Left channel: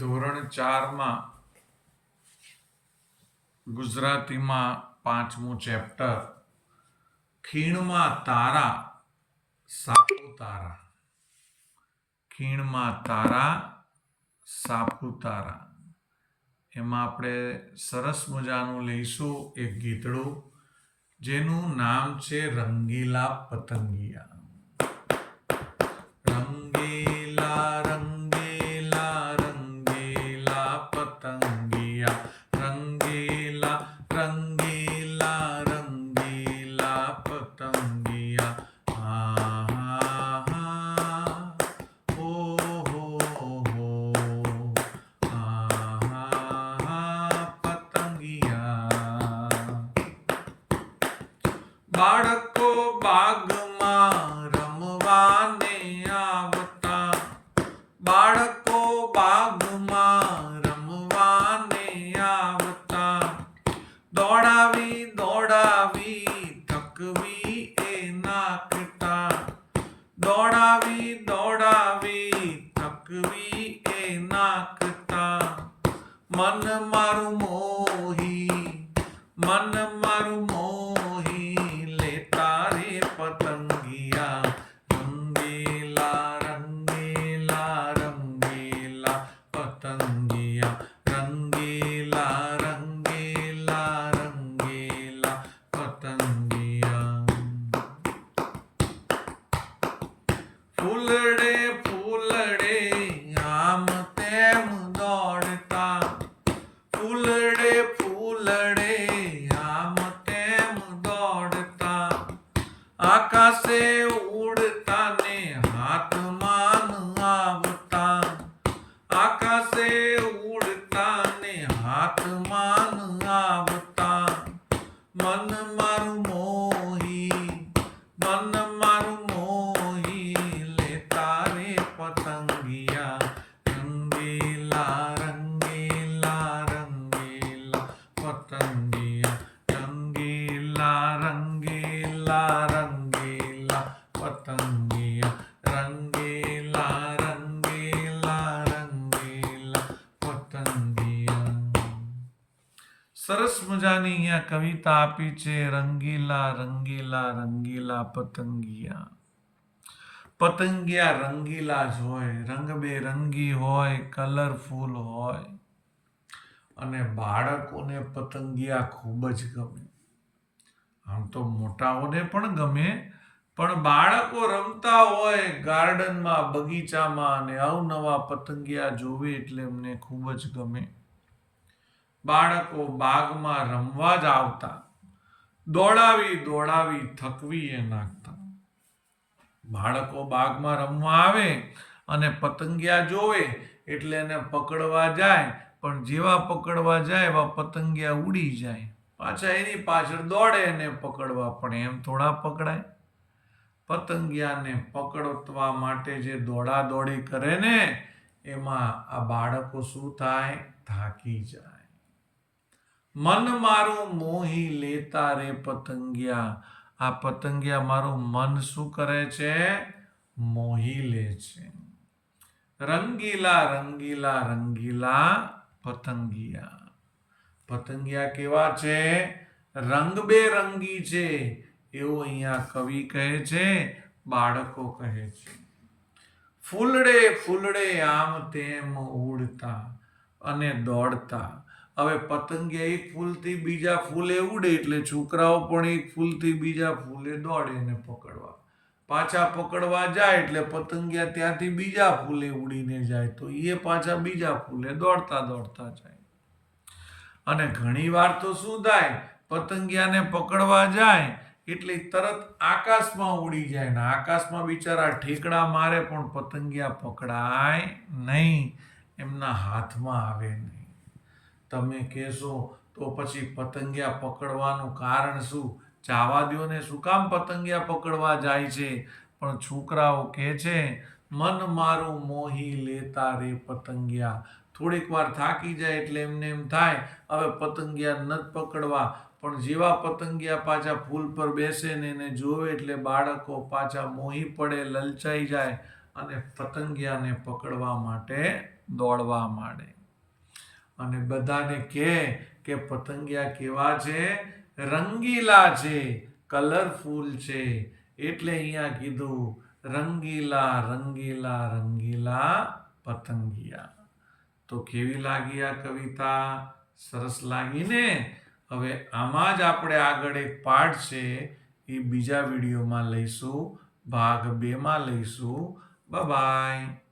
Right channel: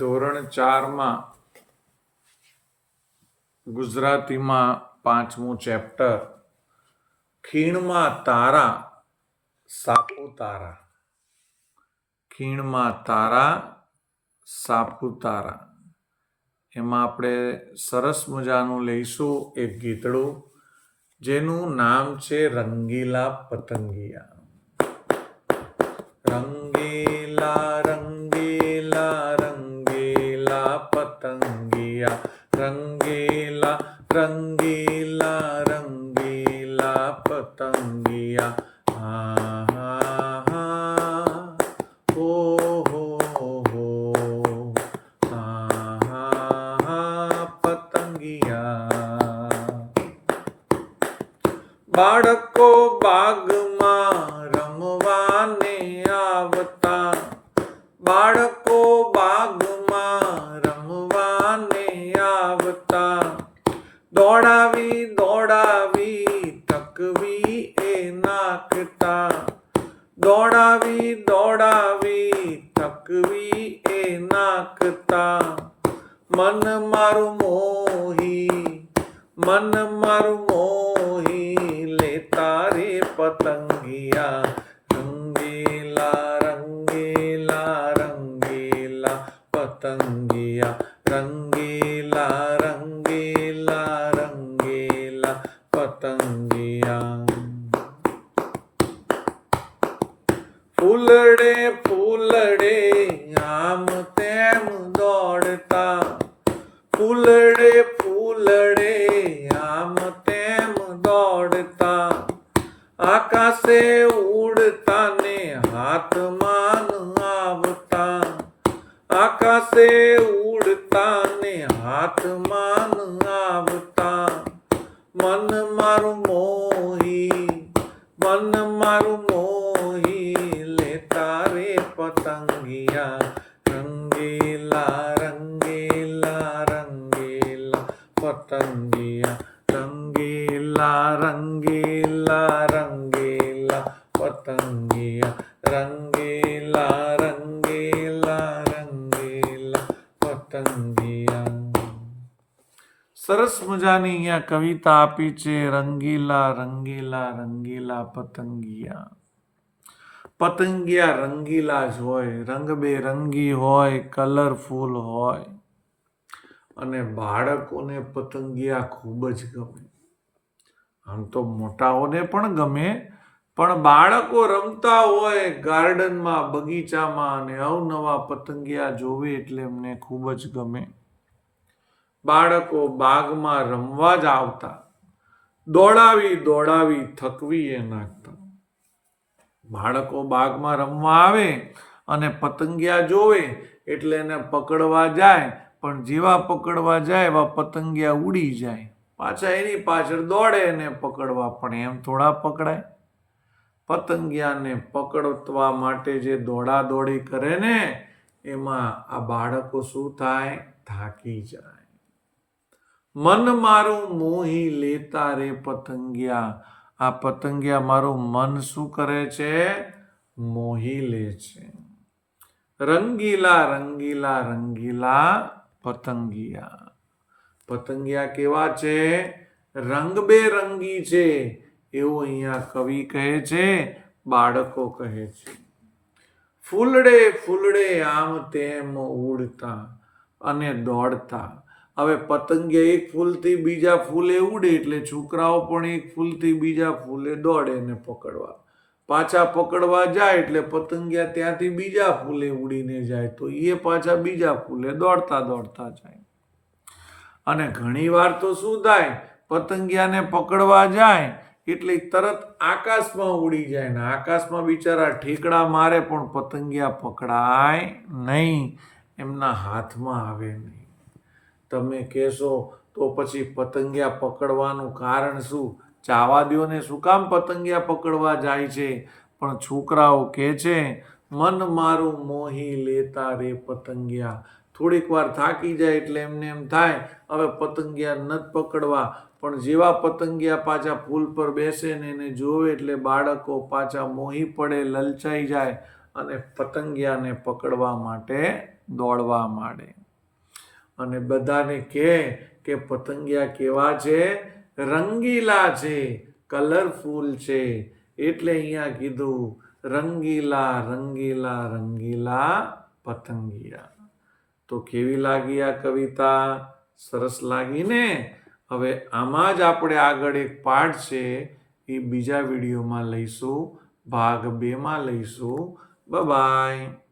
ધોરણ 4માં ગુજરાતીમાં 5મું ચેપ્ટર ખીણમાં તારા સાપુતારા. ખીણમાં તારા સાપુતારા એમાં આપણે સરસ મજાનું લઈશું એક ગીતડું જેનું નામ છે રંગીલા પતંગિયા. રંગીલા રંગીલા રંગીલા પતંગિયા, રંગીલા રંગીલા રંગીલા પતંગિયા. હા હા હા હો હો હા હા હા પતંગિયા. બાળકો બાગમાં રમવાને આવતા, બાળકો બાગમાં રમવાને આવતા, દોડાવી દોડાવી થકવી એ નાખતા, દોડાવી દોડાવી થકવી એ નાખતા. મન મારું મોહી, મન મારું મોહી લેતા રે પતંગિયા. રંગીલા રંગીલા રંગીલા પતંગિયા, રંગીલા રંગીલા રંગીલા પતંગિયા. ફૂલડે ફૂલડે આમ તેમ દોડતા, ફૂલડે ફૂલડે આમ તેમ દોડતા, આકાશે ઉડતા ને હાથમાં આવતા, આકાશે ઉડતા ને હાથમાં આવતા. મન મારું મોહી, મન મારું મોહી લેતા રે પતંગિયા. રંગીલા રંગીલા રંગીલા પતંગિયા, રંગીલા રંગીલા રંગીલા પતંગિયા, રંગીલા રંગીલા રંગીલા પતંગિયા. સરસ મજાની અહીંયા કવિતા આપી છે. રંગીલા રંગીલા રંગીલા પતંગિયા. પતંગિયા રંગીલા જ હોય, રંગબેરંગી હોય, કલરફુલ હોય અને બાળકોને પતંગિયા ખૂબ જ ગમે. આમ તો મોટાઓને પણ ગમે, પણ બાળકો રમતા હોય ગાર્ડનમાં, બગીચામાં અને અવનવા પતંગિયા જોવે એટલે એમને ખૂબ જ ગમે. બાળકો બાગમાં રમવા જ આવતા, દોડાવી દોડાવી થકવી એ નાખતા. બાળકો બાગમાં રમવા આવે અને પતંગિયા જોવે એટલે એને પકડવા જાય, પણ જેવા પકડવા જાય એવા પતંગિયા ઉડી જાય. પાછા એની પાછળ દોડે એને પકડવા, પણ એમ થોડા પકડાય. પતંગિયાને પકડવા માટે જે દોડા દોડી કરે ને એમાં આ બાળકો શું થાય? થાકી જાય. મન મારું મોહી લેતા રે પતંગિયા. આ પતંગિયા મારું મન શું કરે છે? મોહી લે છે. રંગીલા રંગીલા રંગીલા પતંગિયા. પતંગિયા કેવા છે? રંગબેરંગી છે એવું અહીંયા કવિ કહે છે, બાળકો કહે છે. ફૂલડે ફૂલડે આમ તેમ ઉડતા અને દોડતા. હવે પતંગિયા એક ફૂલથી બીજા ફૂલે ઉડે એટલે છોકરાઓ પણ એક ફૂલથી બીજા ફૂલે દોડે એને પકડવા. પાછા પકડવા જાય એટલે પતંગિયા ત્યાંથી બીજા ફૂલે ઉડીને જાય તો એ પાછા બીજા ફૂલે દોડતા દોડતા જાય. અને ઘણી વાર તો શું થાય? પતંગિયાને પકડવા જાય એટલે તરત આકાશમાં ઉડી જાય ને આકાશમાં બિચારા ઠેકડા મારે પણ પતંગિયા પકડાય નહીં, એમના હાથમાં આવે નહીં. તમે કહેશો તો પછી પતંગિયા પકડવાનું કારણ શું? ચાવા દ્યો ને, શું કામ પતંગિયા પકડવા જાય છે? પણ છોકરાઓ કહે છે મન મારું મોહી લેતા રે પતંગિયા. થોડીક વાર થાકી જાય એટલે એમને એમ થાય હવે પતંગિયા નથી પકડવા, પણ જેવા પતંગિયા પાછા ફૂલ પર બેસે ને એને જોવે એટલે બાળકો પાછા મોહી પડે, લલચાઈ જાય અને પતંગિયાને પકડવા માટે દોડવા માંડે અને બધાને કહે કે પતંગિયા કેવા છે? રંગીલા છે, કલરફુલ છે. એટલે અહીંયા કીધું રંગીલા રંગીલા રંગીલા પતંગિયા. તો કેવી લાગી આ કવિતા? સરસ લાગી ને? હવે આમાં જ આપણે આગળ એક પાઠ છે એ બીજા વિડીયોમાં લઈશું, ભાગ 2 માં લઈશું. બાય.